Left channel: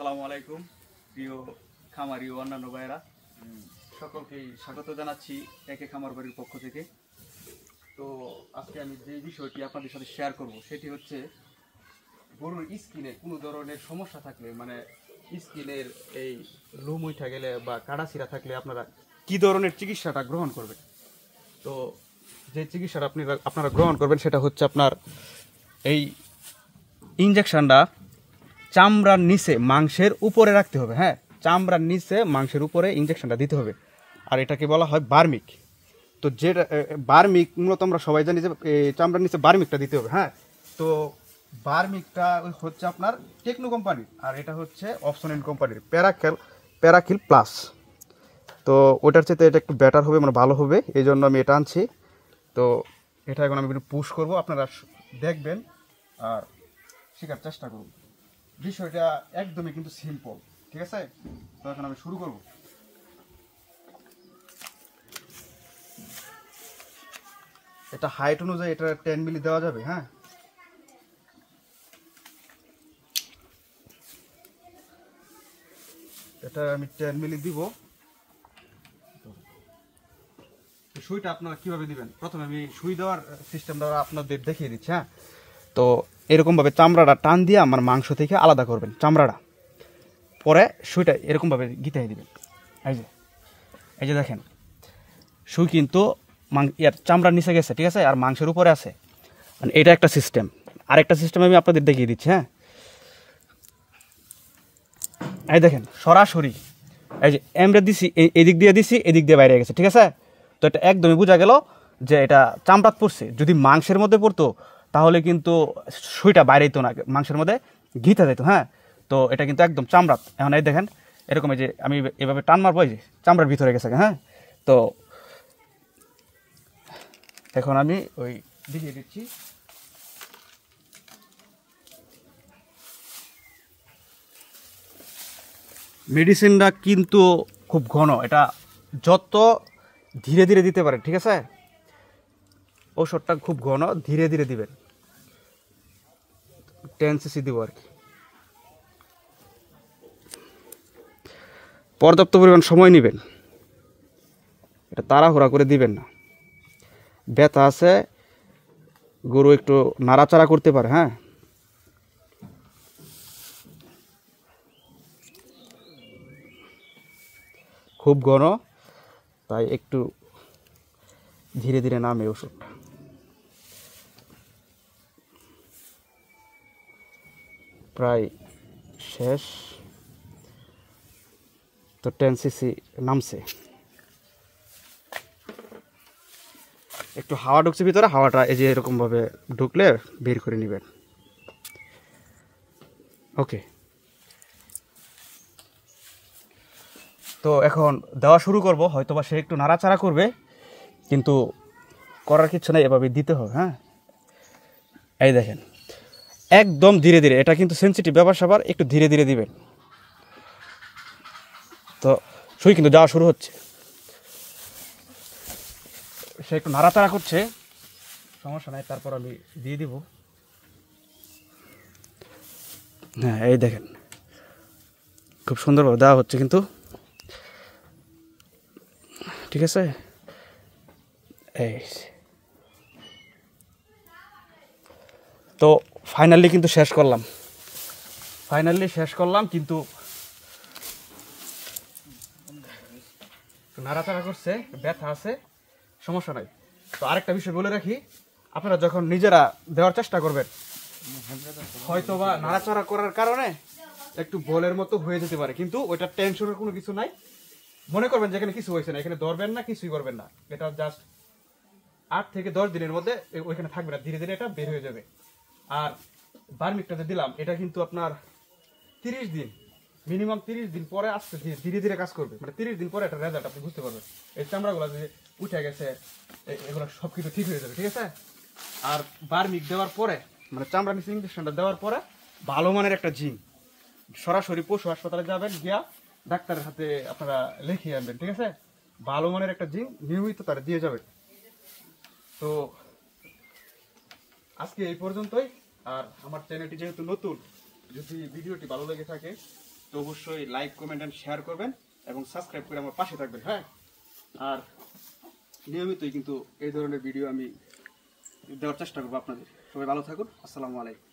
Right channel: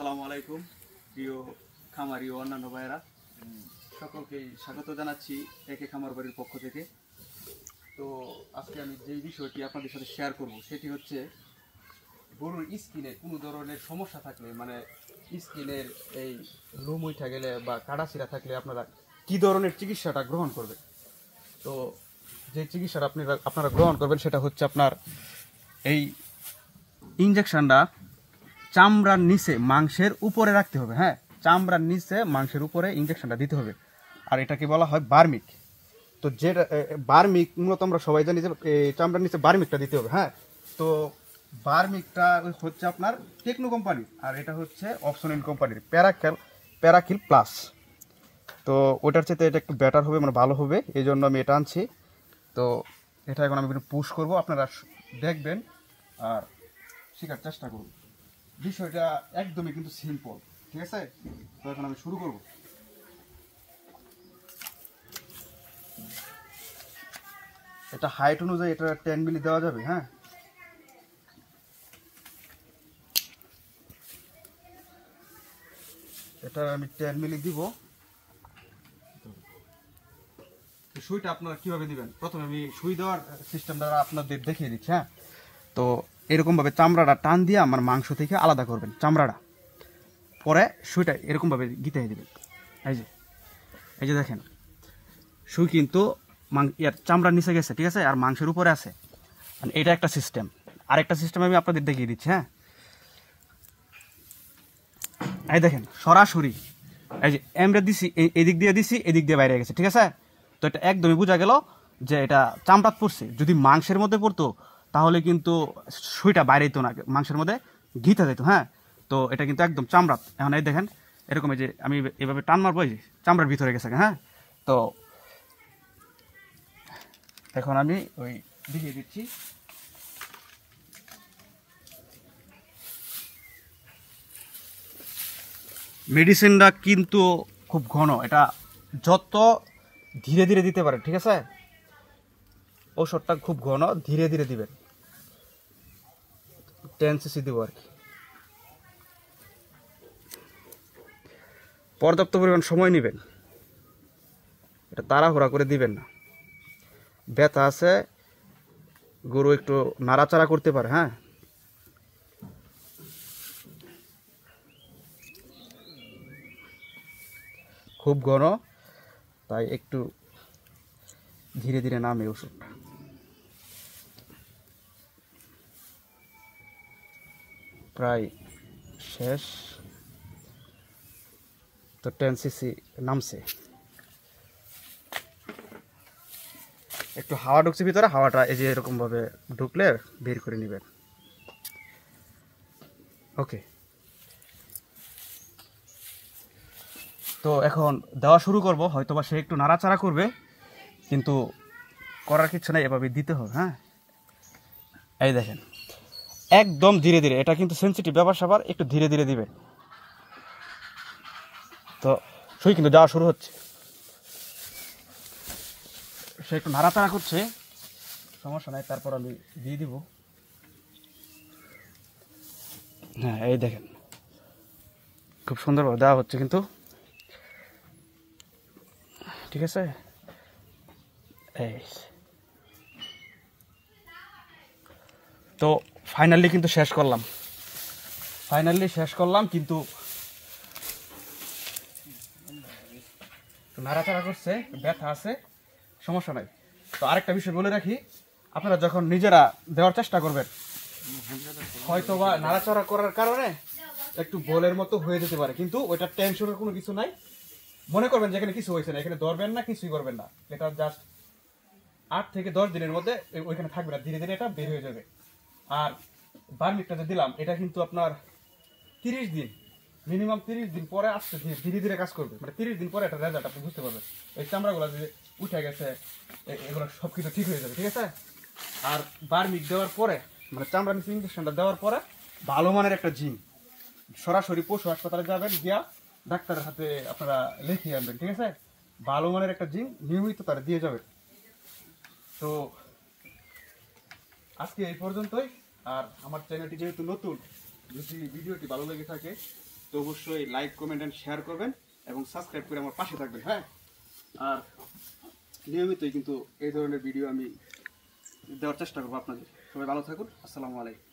আসসালামু আলাইকুম প্রিয় খামারি ও অন্যান্য ভাইয়েরা, সকলকেই স্বাগত জানাচ্ছি একে খামার বাড়ির পক্ষ থেকে। তো আজকে আমি যে বিষয়টি আপনাদের সাথে শেয়ার করব সেটি হচ্ছে গরুর স্কিনে কোনো ধরনের সমস্যা থাকলে, মানে স্কিনের এই লোম উঠে গেলে বা কাটাছিড়া থাকলে আপনারা কি ধরনের চিকিৎসাটা গ্রহণ করবেন। তো যে চিকিৎসাটা আপনারা গ্রহণ করবেন সেটা হচ্ছে আপনার এই ইনজেকশনটা চামড়ার নিচে মাংসের উপরে রাখতে হবে। হ্যাঁ, চামড়ার নিচে মাংসের উপরে ইনজেকশনটা দিতে হবে, আর এটাকে বলা হয় বার্মিক। তো যেটা বার্মিক মূলত আমরা সবাই জানি যে চামড়ার নিচে বার্মিকটা দিতে হবে। হ্যাঁ, তো বার্মিকটা হচ্ছে আপনার টেকনো কোম্পানির, আর এটা হচ্ছে অপশনিন কোম্পানির প্যারাকিল প্লাস। তো ওটার চেয়ে এটা একটু বেটার হবে, মানে ভালো হবে, এই জন্য আমি এটা আনছি। তো এটা এখন আমি একটু পুশ করবো, আপনারা দেখবেন আর শেখার চেষ্টা করুন। বিষয়টা একদমই কিন্তু সিম্পল, ঠিক আছে? তো এখন আমি শুরু করব। এটা হাইট অনুযায়ী এটা 10 মিলি দেওয়া যাবে। হ্যাঁ, এটা আমি 10 মিলি দিব। সুইটা আপনারা কিভাবে দিবেন, প্রথমে আমি সুই দেওয়ার সিস্টেমটা আপনাদের দেখিয়ে দিচ্ছি। হ্যাঁ, তো এরকমভাবে চামড়াটা টান দিয়ে আমার মাংস থেকে আলাদা করবেন চামড়াটা, পরে সুইটা এরকমভাবে গিতে দিবেন। এই যে দেখেন, সুই কিন্তু চামড়ার নিচে গেছে, ঠিক আছে, আর মাংসের উপরে আছে, মানে এটা একটা সিস্টেম। আরেকটা সিস্টেম আমি আপনাদের দেখিয়ে দিচ্ছি। হ্যাঁ, এই দেখেন সরাসরি এই যে এমরে দিছি, এদিক দিয়ে দিছি, এদিক দিয়ে বাইরে গেছে, ঠিক আছে। তো এটা একদমই বোঝা গেল যে এটা চামড়াত পড়ছে। যদি মাংসের মধ্যে পড়তো তাহলে কিন্তু সুইটা বাইরে যেত না, মাংসের মধ্যে ঘিতে যেত। হ্যাঁ, তো এটা কিন্তু একদম চামড়াত। এখন এই দেখেন এরকম, এই যে আমি এভাবে টান মারবো, এই যে চামড়ার ভিতরে গেছে। হ্যাঁ, তো এখন আমি ওই দেখিয়ে দিচ্ছি। মেডিসিনটা কিন্তু খুব ঘন, এটা যত ধীরে ধীরে দিতে পারে, ঠিক আছে। ওষুধটা খুব ঘন, ধীরে ধীরে দিবেন। 10 সিসি দিব আর কি। পর্যাপ্ত পরিমাণ সময় নেবেন, এটা তাড়াহুড়া করে দিবেন না। ব্যথা আছে, গরু একটু নাড়াচাড়া করতে পারে। হ্যাঁ, খুব ঘন, তাই একটু ধীরে ধীরে নামে ওষুধটা। প্রায় শেষ। তো 10 সিসি নামছে। একটু হাওয়া ঢুকছে ভিতরে, হাওয়াটা এই যে এরকমভাবে ঢুকলে বের করে নেবেন। ওকে, তো এখন দেওয়া শুরু করব। হয়তোবা সে একটু নাড়াচাড়া করবে, কিন্তু করার কিছু নেই, এভাবে দিতে হবে। হ্যাঁ, এই দেখেন একদম ধীরে ধীরে, এটা কিন্তু সেন্সিটিভ ব্যাপার স্যাপার, একটু ধীরে ধীরে দিবেন। তো সুই কিন্তু দেওয়া শুরু হচ্ছে, সে একটু নাড়াচাড়া করছে, সমস্যা নাই, তারপর আমি দিয়ে দিব। হ্যাঁ, এই দেখেন খুব সুন্দরভাবে দেওয়া হচ্ছে কিন্তু, ঠিক আছে। এই তো ফাইনালি কিন্তু শেষ করলাম, কিন্তু নাড়াচাড়া করছে, ব্যথা আছে, সমস্যা নাই। তো আরেকটা বিষয় বলে রাখি, আপনারা যখন নিজেরা দেওয়ার চেষ্টা করবেন, হয়তো বা নাড়াচাড়া করার কারণে একটু বলের মতো হয়ে যেতে পারে, কিন্তু ওইটা টেনশনের কোনো কিছু নাই। মনে করবেন যে এখানে কিছু হয়েছে না, এখানে ধরবেন না, কিছুই করবেন না। এটা জাস্ট 8 থেকে 10 দিনের মধ্যে ওইখানে থাকবে না, ধীরে ধীরে এটা বের হয়ে যাবে। আর বার্মিকটা যে দিলাম, এটা কিন্তু আপনার 30 দিন, মিনিমাম 30 দিন পরে আসতে ধীরে ধীরে কাজ করবে, মানে 30 দিন পরে একটা রেজাল্ট আপনি বুঝতে পারবেন। এই চামড়াগুলো যে উঠে গেছে, এগুলো সব কিছু ঠিক হয়ে যাবে, ঠিক আছে। আর বার্মিক দেওয়ার পরে, মানে চামড়া নিচে ইঞ্জেকশনটা দেওয়ার পরে ভালো মানের একটা জিঙ্ক সরাসরি পশু হাসপাতালে যাবেন, গিয়া ডাক্তারের হাতে আপনারা লিখিয়ে আনবেন, ঠিক আছে। ভালো মানের একটা জিঙ্ক নিয়মিত তারা দিয়ে যাবে। তো আজকে এই পর্যন্তই। আর আমার চ্যানেলটি যেহেতু নতুন, যদি ভিডিওটি ভালো লেগে থাকে তো অবশ্যই লাইক কমেন্ট অ্যান্ড শেয়ার করবেন এবং সাবস্ক্রাইব করে আমার পাশে থাকবেন। হ্যাঁ, আর নিয়মিতই কিন্তু এই ধরনের ভিডিও আমি দেওয়ার চেষ্টা করবো আপনাদের। সবাই ভালো থাকুন। আসসালামু আলাইকুম।